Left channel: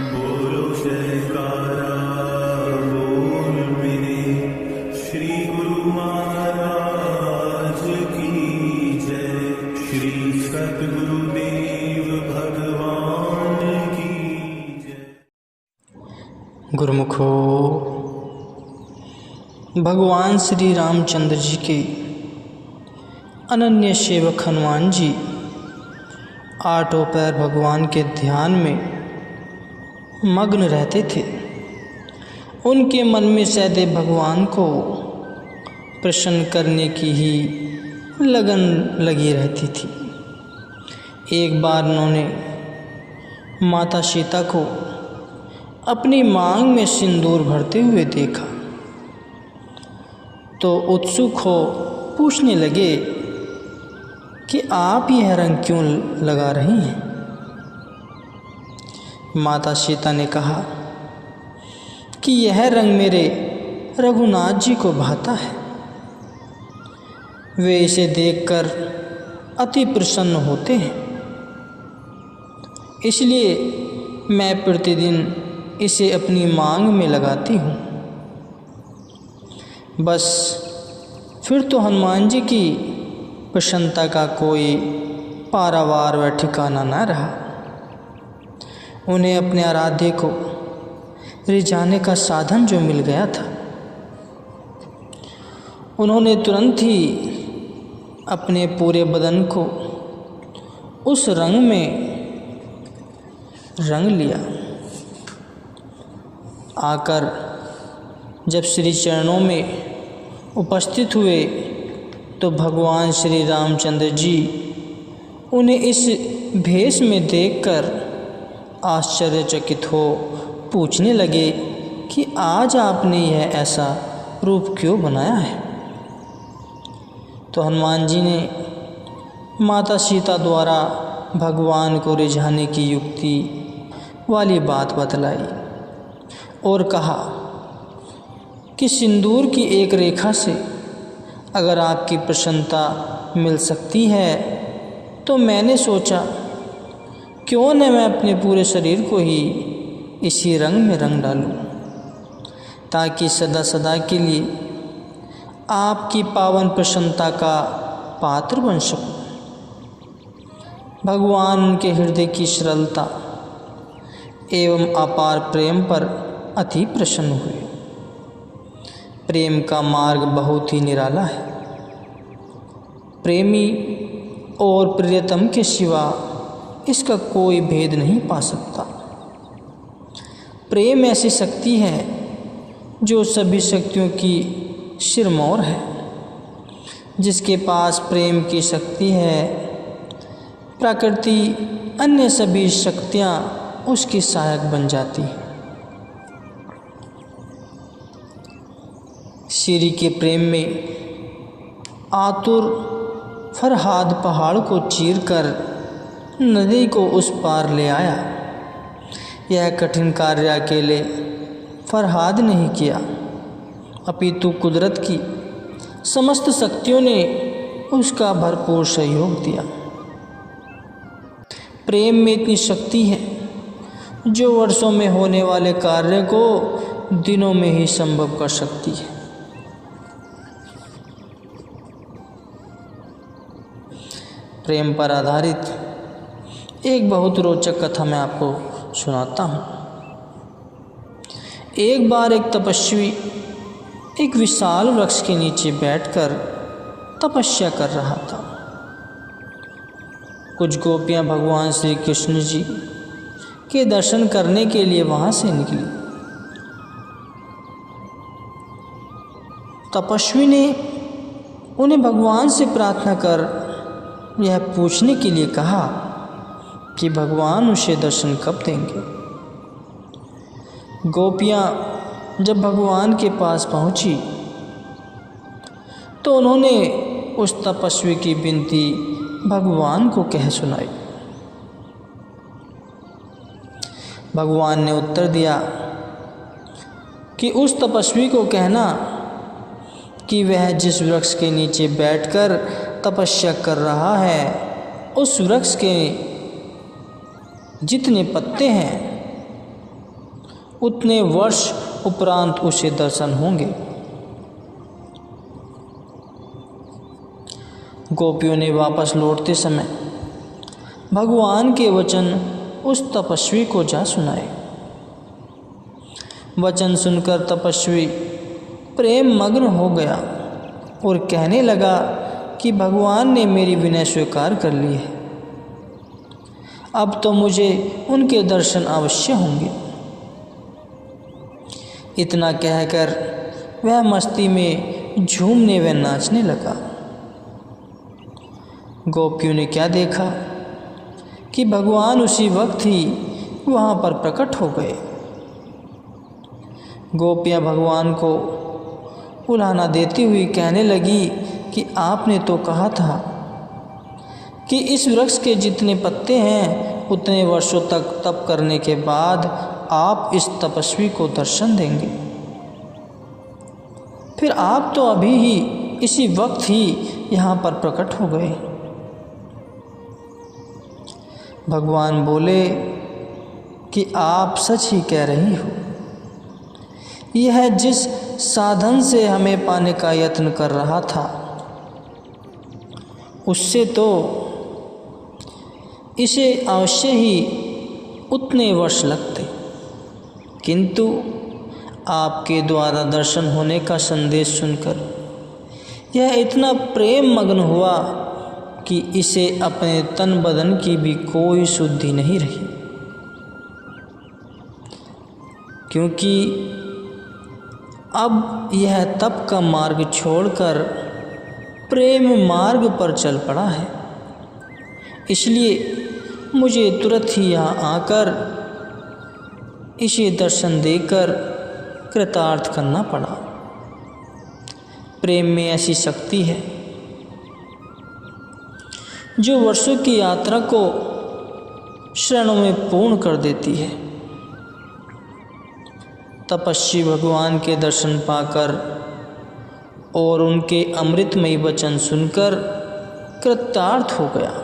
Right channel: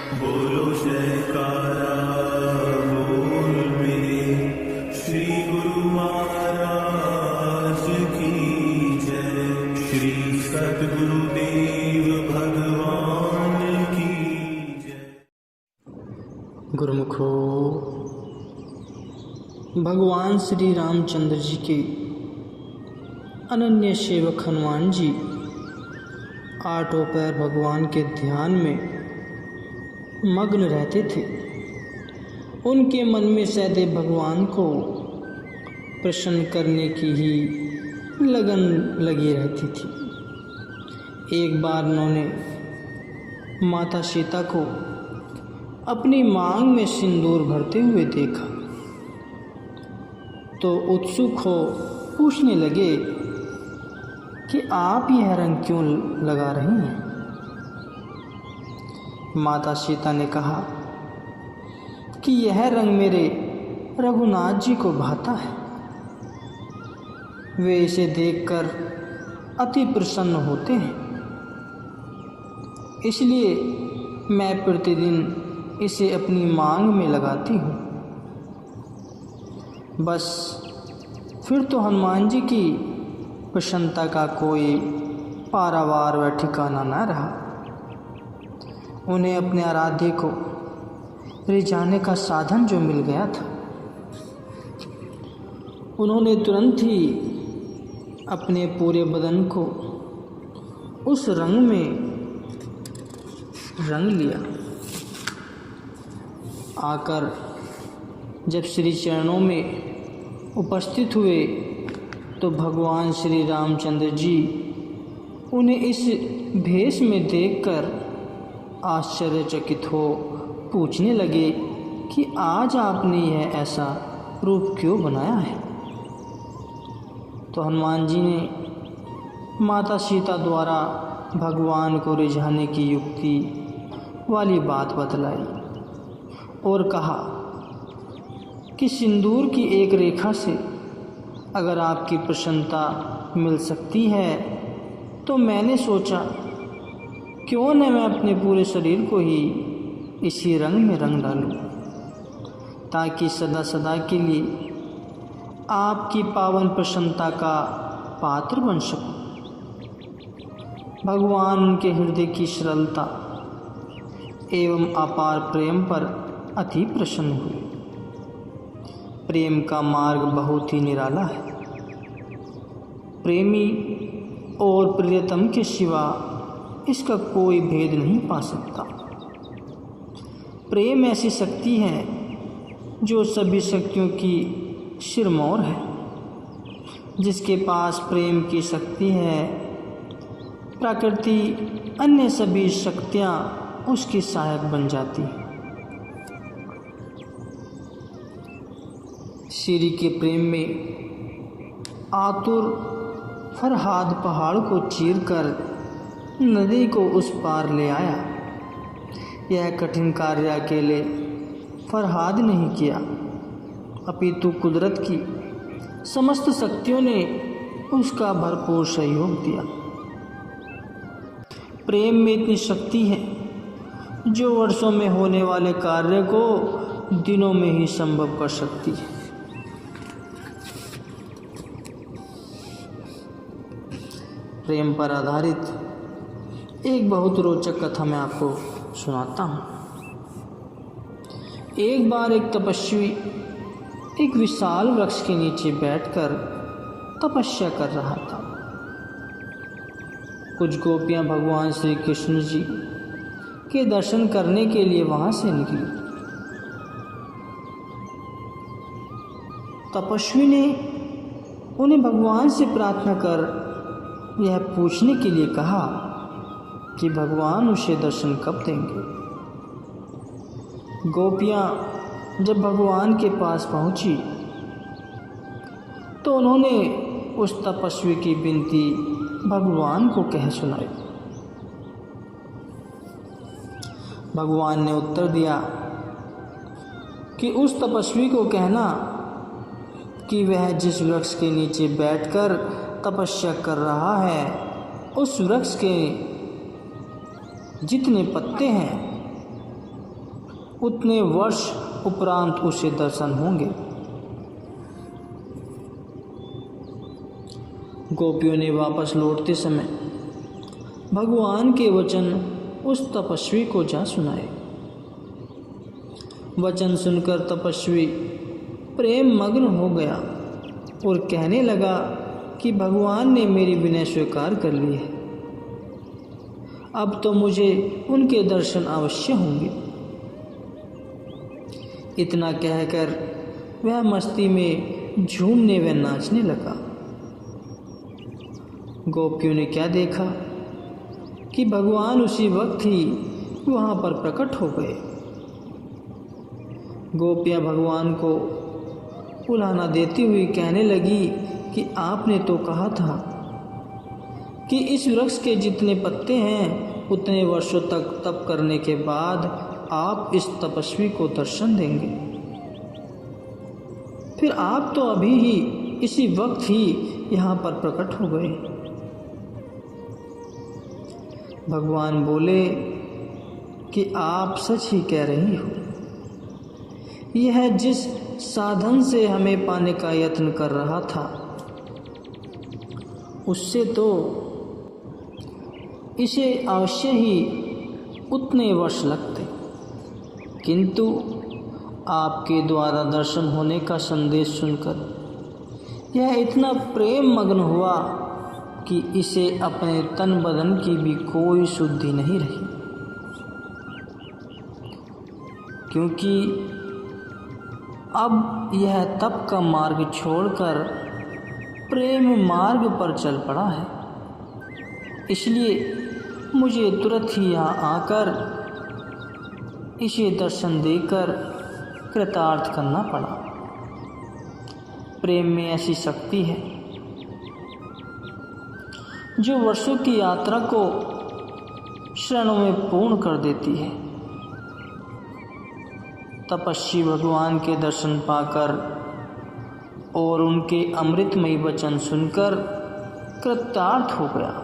बोलो जयकारा बोल मेरे श्री गुरु महाराज की जय। श्री सद्गुरुदेव भगवान की जय। गुरुमुखो, भगवान श्री रामचंद्र जी के अनन्य सेवक हनुमान जी आठों पैर भगवान के ध्यान में मग्न रहते थे। उनके मन में सदैव भगवान को प्रसन्न करने की ही लगन लगी रहती थी। एक बार उन्होंने माता सीता को अपनी मांग में सिंदूर भरते हुए देखा तो उत्सुक हो पूछने लगे कि आप यह रंग क्यों लगा रही हैं। माता सीता ने कहा कि यह रंग मेरे रघुनाथ जी को भाता है। वे इसे देखकर अति प्रसन्न होते हैं, इसलिए मैं प्रतिदिन इसे अपनी मांग में लगाती हूँ। बस फिर तो हनुमान जी की प्रसन्नता का कोई पारावार व ठिकाना न रहा। उन्हें अपने आराध्य को रिझाने का साधन जो मिल गया था, उन्होंने तुरंत ही अपने पूरे बदन को उस रंग में रंग लिया। आकर जब श्री चरणों में उपस्थित हुए तो भगवान श्री रामचंद्र जी उन्हें इस भेष में देखकर आश्चर्यचकित हो पूछने लगे कि आज आपने यह ऐसा रूप क्यों बनाया है। तो हनुमान जी ने माता सीता द्वारा भगवान को रिझाने की युक्ति वाली बात बतलाई और कहा कि सिंदूर की एक रेखा से अगर आपकी प्रसन्नता मिल सकती है तो मैंने सोचा क्यों न मैं अपने पूरे शरीर को ही इसी रंग में रंग डालूं, ताकि सदा सदा के लिए आपकी पावन प्रसन्नता का पात्र बन सकूं। भगवान उनके हृदय की सरलता एवं अपार प्रेम पर अति प्रसन्न हुए। प्रेम का मार्ग बहुत ही निराला है। प्रेमी और प्रियतम के सिवा इसका कोई भेद नहीं पा सकता। प्रेम ऐसी शक्ति है जो सभी शक्तियों की सिरमौर है। जिसके पास प्रेम की शक्ति है, प्रकृति अन्य सभी शक्तियाँ उसकी सहायक बन जाती हैं। श्री के प्रेम में आतुर फरहाद पहाड़ को चीरकर नदी को उस पार ले आया। यह कठिन कार्य अकेले फरहाद नहीं किया, अपितु कुदरत की समस्त शक्तियों ने उसका भरपूर सहयोग दिया। प्रेम में इतनी शक्ति है जो वर्षों में होने वाले कार्य को दिनों में ही संभव कर सकती है। प्रेम पर आधारित एक बहुत रोचक कथा मैं आपको सुनाता हूँ। एक बार एक तपस्वी एक विशाल वृक्ष के नीचे बैठकर तपस्या कर रहा था। कुछ गोपियाँ भगवान श्री कृष्ण जी के दर्शन करने के लिए वहाँ से निकली। तपस्वी ने उन्हें भगवान से प्रार्थना कर यह पूछने के लिए कहा कि भगवान उसे दर्शन कब देंगे। गोपियाँ जब भगवान के पास पहुँची तो उन्होंने उस तपस्वी की विनती भगवान को कह सुनाई। भगवान ने उत्तर दिया कि उस तपस्वी को कहना कि वह जिस वृक्ष के नीचे बैठकर तपस्या कर रहा है उस वृक्ष के जितने पत्ते हैं उतने वर्ष उपरांत उसे दर्शन होंगे। गोपियों ने वापस लौटते समय भगवान के वचन उस तपस्वी को जा सुनाए। वचन सुनकर तपस्वी प्रेम मग्न हो गया और कहने लगा कि भगवान ने मेरी विनय स्वीकार कर ली है, अब तो मुझे उनके दर्शन अवश्य होंगे। इतना कहकर वह मस्ती में झूमने व नाचने लगा। गोपियों ने क्या देखा कि भगवान उसी वक्त ही वहाँ पर प्रकट हो गए। गोपियाँ भगवान को उलाहना देती हुई कहने लगी कि आपने तो कहा था कि इस वृक्ष के जितने पत्ते हैं उतने वर्षों तक तप करने के बाद आप इस तपस्वी को दर्शन देंगे। फिर आप तो अभी ही इसी वक्त ही यहाँ पर प्रकट हो गए। भगवान बोले कि आप सच ही कह रही हो। यह जिस साधन से हमें पाने का यत्न कर रहा था उससे तो इसे अवश्य ही उतने वर्ष लगते, किंतु आपके द्वारा दर्शन होने का संदेश सुनकर यह इतना प्रेम मग्न हुआ कि इसे अपने तन बदन की भी कोई शुद्धि नहीं रही, क्योंकि अब यह तप का मार्ग छोड़कर प्रेम मार्ग पर चल पड़ा है। इसलिए मुझे तुरंत ही यहाँ आकर इसे दर्शन देकर कृतार्थ करना पड़ा। प्रेम में ऐसी शक्ति है जो वर्षों की यात्रा को क्षणों में पूर्ण कर देती है। तपस्वी भगवान के दर्शन पाकर और उनके अमृतमयी वचन सुनकर कृतार्थ हो गया।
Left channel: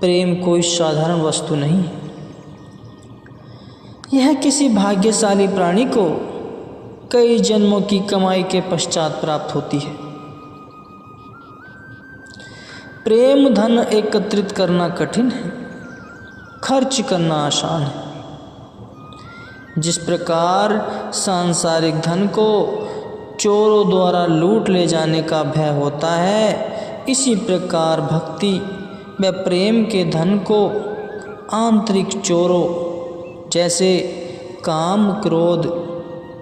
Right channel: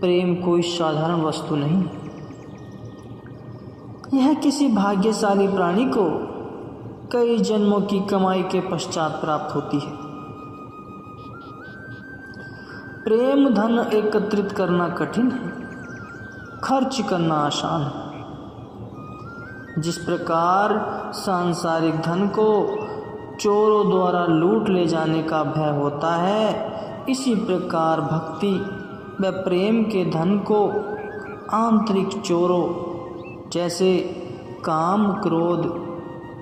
प्रेम कोई साधारण वस्तु नहीं, यह किसी भाग्यशाली प्राणी को कई जन्मों की कमाई के पश्चात प्राप्त होती है। प्रेम धन एकत्रित करना कठिन है, खर्च करना आसान है। जिस प्रकार सांसारिक धन को चोरों द्वारा लूट ले जाने का भय होता है, इसी प्रकार भक्ति व प्रेम के धन को आंतरिक चोरों जैसे काम, क्रोध,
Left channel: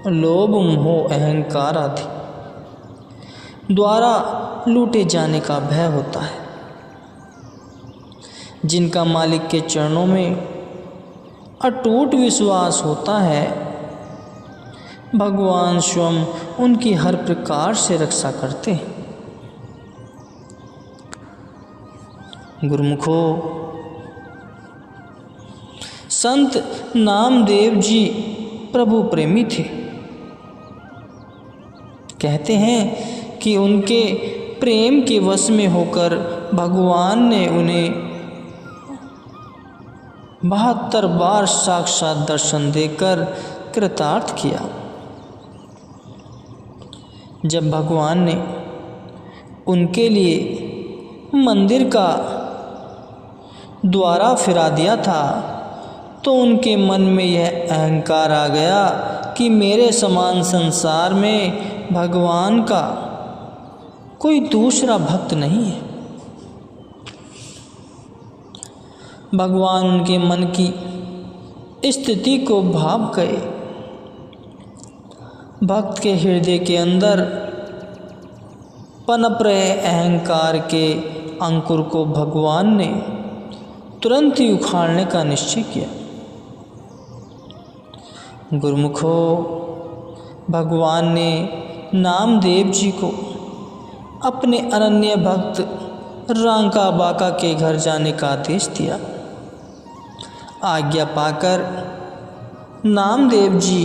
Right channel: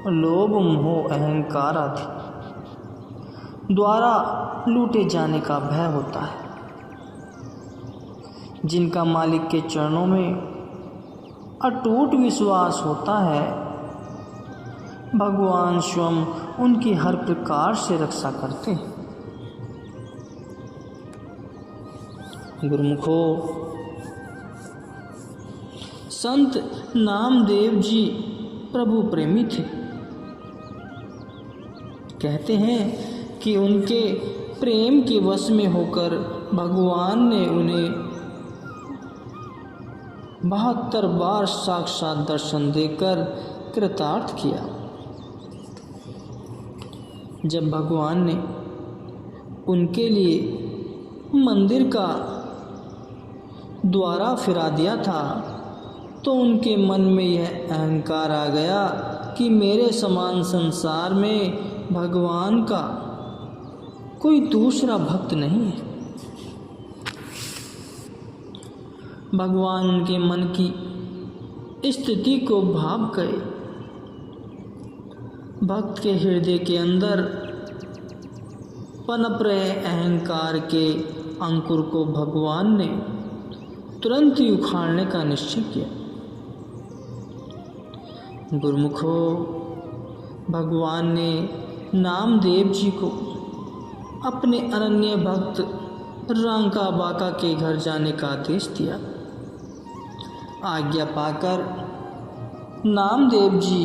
लोभ, मोह, अहंकार आदि द्वारा लूटे जाने का भय होता है। जिनका मालिक के चरणों में अटूट विश्वास होता है, भगवान स्वयं उनकी हर प्रकार से रक्षा करते हैं। गुरुमुखो, संत नामदेव जी प्रभु प्रेमी थे। कहते हैं कि उनके प्रेम के वश में होकर भगवान ने उन्हें 72 बार साक्षात दर्शन देकर कृतार्थ किया। जब भगवान ने उनके लिए मंदिर का द्वारा फिरा दिया था तो उनके मन में यह अहंकार आ गया कि मेरे समान संसार में भगवान का कोई दूसरा भक्त नहीं है। भगवान उनके मन की स्थिति को भाप गए। भक्त के हृदय के अंदर पनप रहे अहंकार के अंकुर को भगवान ने तुरंत ही उखाड़ने का निश्चय किया। गुरुमुखो, भगवान ने नामदेव जी को अपने अनन्य भक्त रांका बाका के घर जाने का आदेश दिया। आज्ञा पाकर नामदेव जी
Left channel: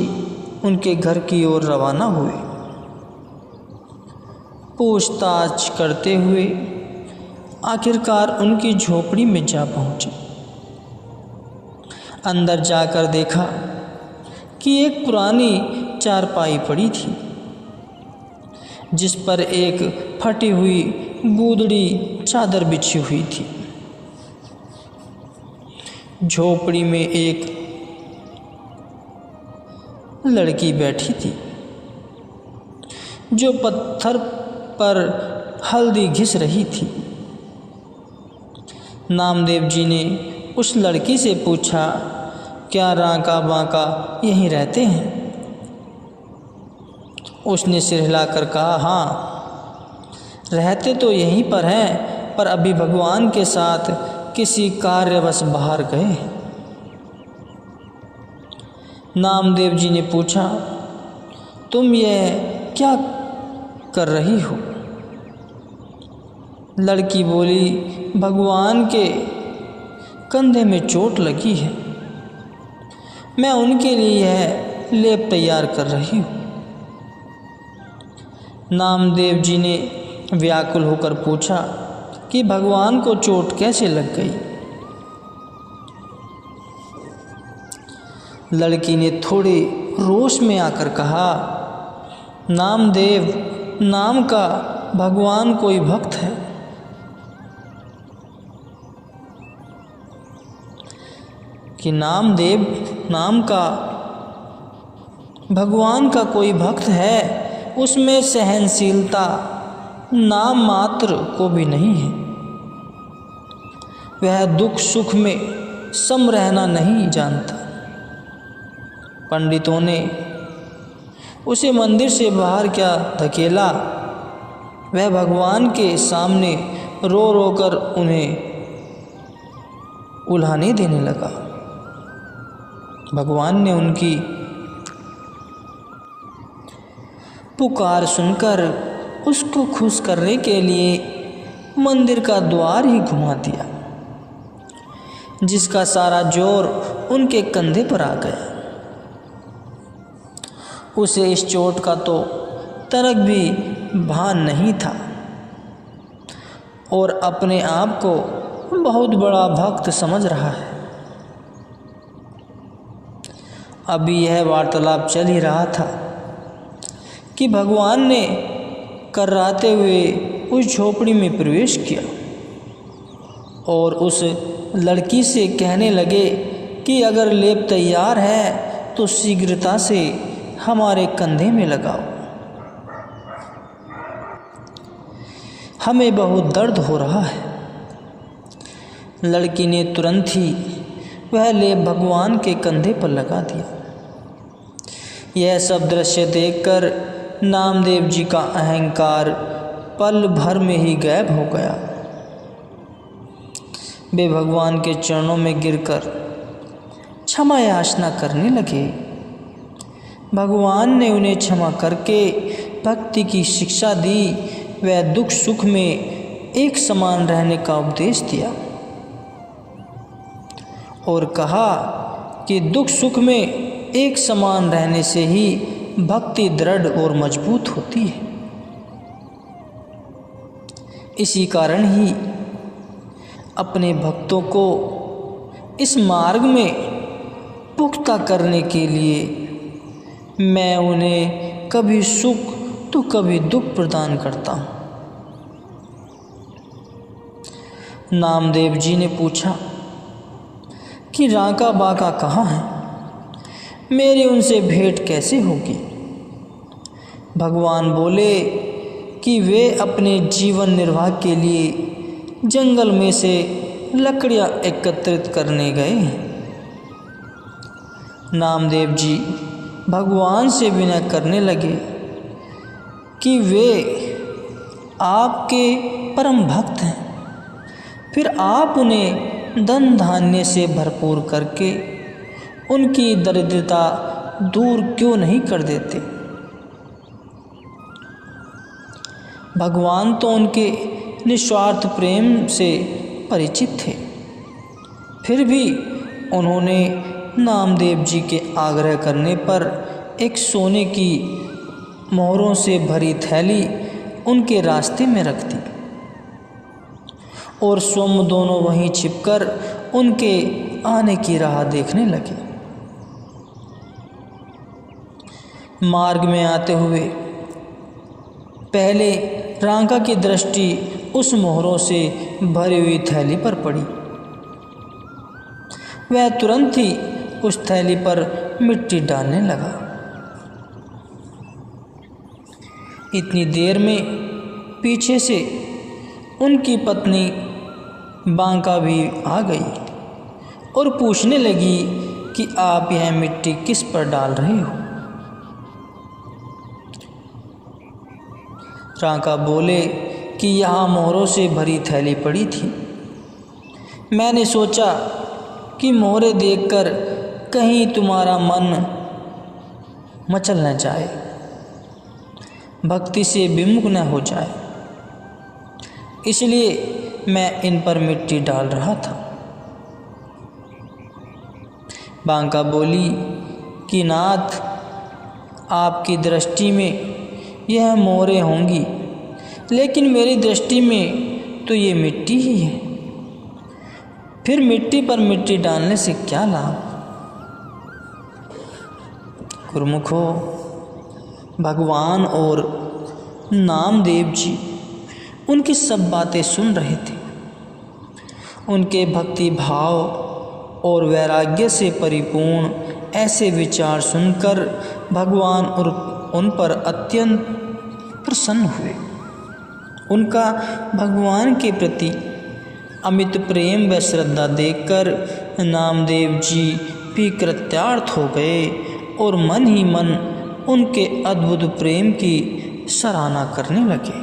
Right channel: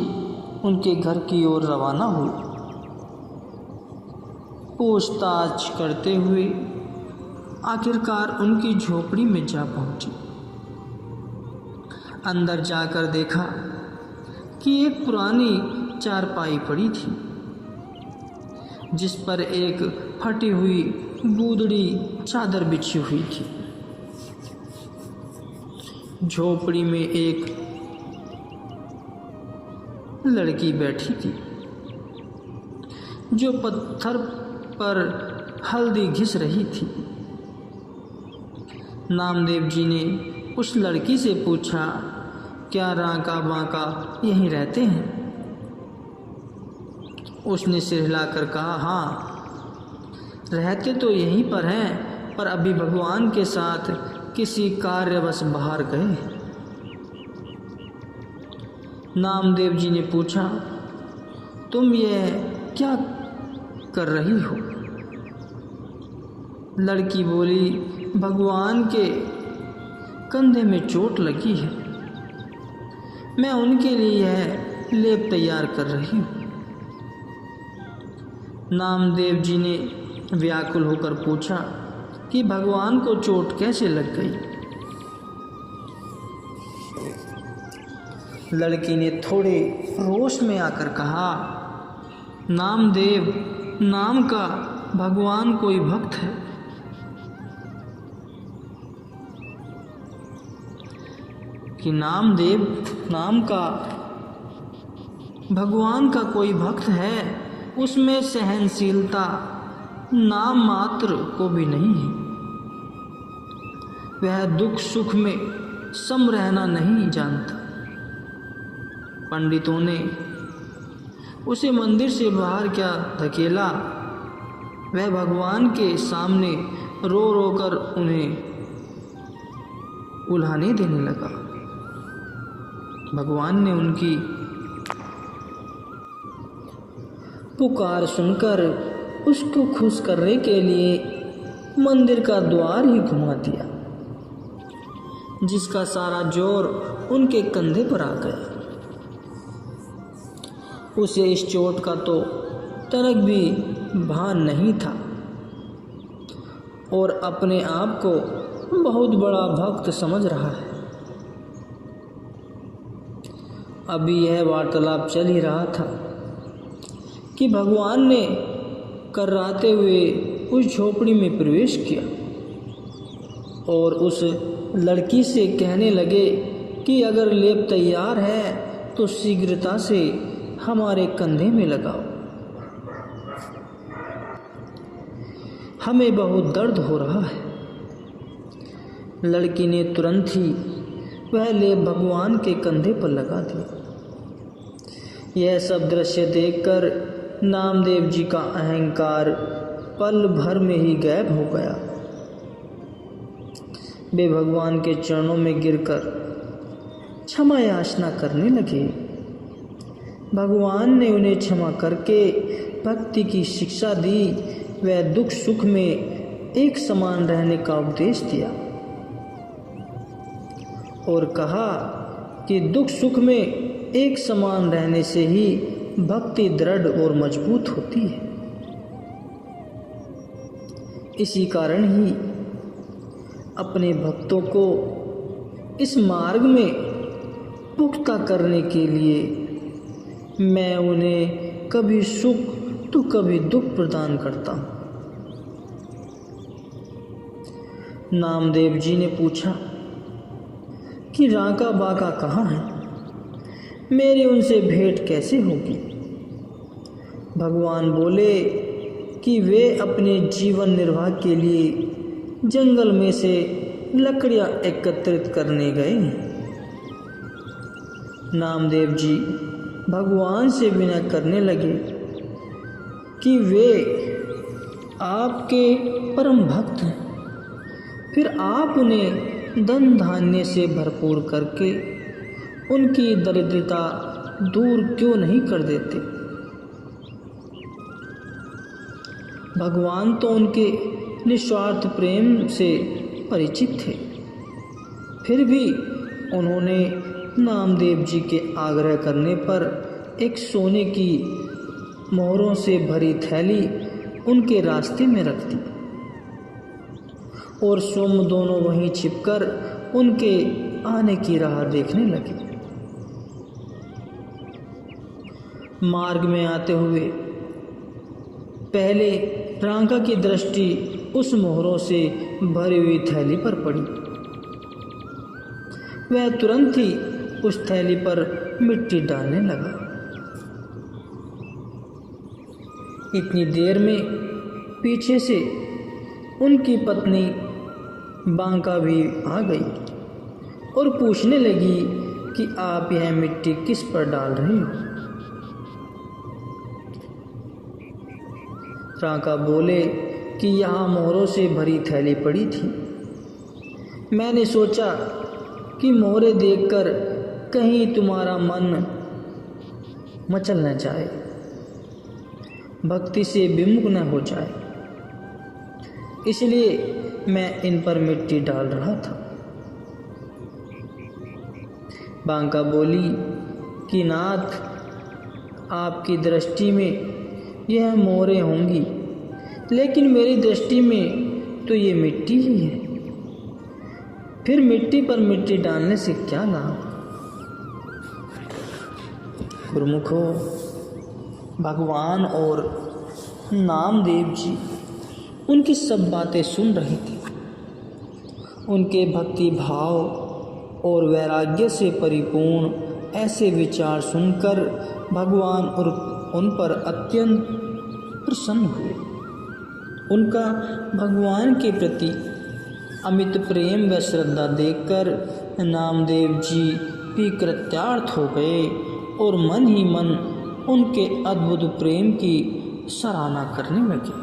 उनके घर की ओर रवाना हुए। पूछताछ करते हुए आखिरकार उनकी झोपड़ी में जा पहुंचे। अंदर जाकर देखा कि एक पुरानी चारपाई पड़ी थी जिस पर एक फटी हुई गूदड़ी चादर बिछी हुई थी। झोपड़ी में एक लड़की बैठी थी जो पत्थर पर हल्दी घिस रही थी। नामदेव जी ने उस लड़की से पूछा, क्या रांका बांका यहीं रहते हैं? उसने सिर हिलाकर कहा, हाँ, रहते तो यहीं पर हैं, पर अभी भगवान के साथ किसी कार्यवश बाहर गए। नामदेव जी ने पूछा, तुम यह क्या कर रही हो? लड़की बोली, भगवान के कंधे में चोट लगी है, मैं उनके लिए यह लेप तैयार कर रही हूँ। नामदेव जी ने व्याकुल होकर पूछा कि भगवान को चोट कैसे लग गई? लड़की ने थोड़े रोष में आकर कहा, नामदेव नाम का भगवान कोई भक्त है। कि नामदेव नाम का भगवान का कोई भक्त है, उसमें सहनशीलता नाम मात्र को भी नहीं है। वह दुख सुख में सम रहना नहीं जानता। पंडितों ने उसे मंदिर से बाहर क्या धकेला, वह भगवान के सामने रो रो कर उन्हें उल्हाने देने लगा। भगवान ने उनकी पुकार सुनकर उसको खुश करने के लिए मंदिर का द्वार ही घुमा दिया, जिसका सारा जोर उनके कंधे पर आ गया। उसे इस चोट का तो तनक भी भान नहीं था और अपने आप को बहुत बड़ा भक्त समझ रहा है। अभी यह वार्तालाप चल ही रहा था कि भगवान ने कर्राते हुए उस झोपड़ी में प्रवेश किया और उस लड़की से कहने लगे कि अगर लेप तैयार है तो शीघ्रता से हमारे कंधे में लगाओ, हमें बहुत दर्द हो रहा है। लड़की ने तुरंत ही वह लेप भगवान के कंधे पर लगा दिया। यह सब दृश्य देखकर नामदेव जी का अहंकार पल भर में ही गायब हो गया। वे भगवान के चरणों में गिरकर क्षमा याचना करने लगे। भगवान ने उन्हें क्षमा करके भक्ति की शिक्षा दी। वह दुख सुख में एक समान रहने का उपदेश दिया और कहा कि दुख सुख में एक समान रहने से ही भक्ति दृढ़ और मजबूत होती है। इसी कारण ही अपने भक्तों को इस मार्ग में पुख्ता करने के लिए मैं उन्हें कभी सुख तो कभी दुख प्रदान करता हूँ। नामदेव जी ने पूछा कि रांका बांका कहाँ है? मेरी उनसे भेंट कैसे होगी? भगवान बोले कि वे अपने जीवन निर्वाह के लिए जंगल में से लकड़ियाँ एकत्रित करने गए हैं। नामदेव जी भगवान से विनय करने लगे कि वे आपके परम भक्त हैं, फिर आप उन्हें धन धान्य से भरपूर करके उनकी दरिद्रता दूर क्यों नहीं कर देते? भगवान तो उनके निस्वार्थ प्रेम से परिचित थे, फिर भी उन्होंने नामदेव जी के आग्रह करने पर एक सोने की मोहरों से भरी थैली उनके रास्ते में रख दी और स्वयं दोनों वहीं छिपकर उनके आने की राह देखने लगे। मार्ग में आते हुए पहले रांका की दृष्टि उस मोहरों से भरी हुई थैली पर पड़ी। वह तुरंत ही उस थैली पर मिट्टी डालने लगा। इतनी देर में पीछे से उनकी पत्नी बांका भी आ गई और पूछने लगी कि आप यह मिट्टी किस पर डाल रही हो। रांका बोले कि यहाँ मोहरों से भरी थैली पड़ी थी। मैंने सोचा कि मोहरे देखकर कहीं तुम्हारा मन मचल न जाए, भक्ति से विमुख न हो जाए, इसलिए मैं इन पर मिट्टी डाल रहा था। बांका बोली कि नाथ, आपकी दृष्टि में यह मोहरें होंगी, लेकिन मेरी दृष्टि में तो ये मिट्टी ही है। फिर मिट्टी पर मिट्टी डालने से क्या लाभ। गुरुमुखो, भगवान और नामदेव जी उनकी सब बातें सुन रहे थे। उनके भक्ति भाव और वैराग्य से परिपूर्ण ऐसे विचार सुनकर भगवान और उन पर अत्यंत प्रसन्न हुए। उनका भगवान के प्रति अमित प्रेम व श्रद्धा देखकर नामदेव जी भी कृतार्थ हो गए और मन ही मन उनके अद्भुत प्रेम की सराहना करने लगे।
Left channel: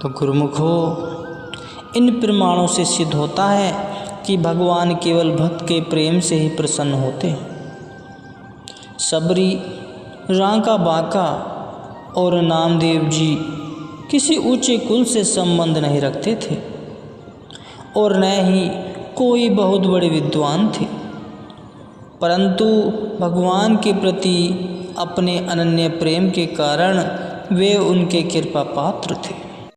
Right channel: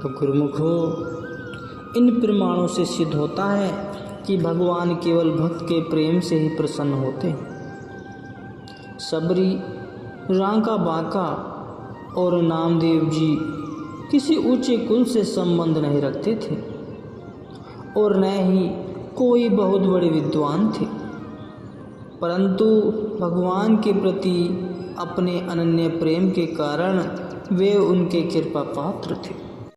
तो गुरुमुखो, इन प्रमाणों से सिद्ध होता है कि भगवान केवल भक्त के प्रेम से ही प्रसन्न होते हैं। सबरी, रांका बांका और नामदेव जी किसी ऊंचे कुल से संबंध नहीं रखते थे और न ही कोई बहुत बड़े विद्वान थे, परंतु भगवान के प्रति अपने अनन्य प्रेम के कारण वे उनके कृपा पात्र थे।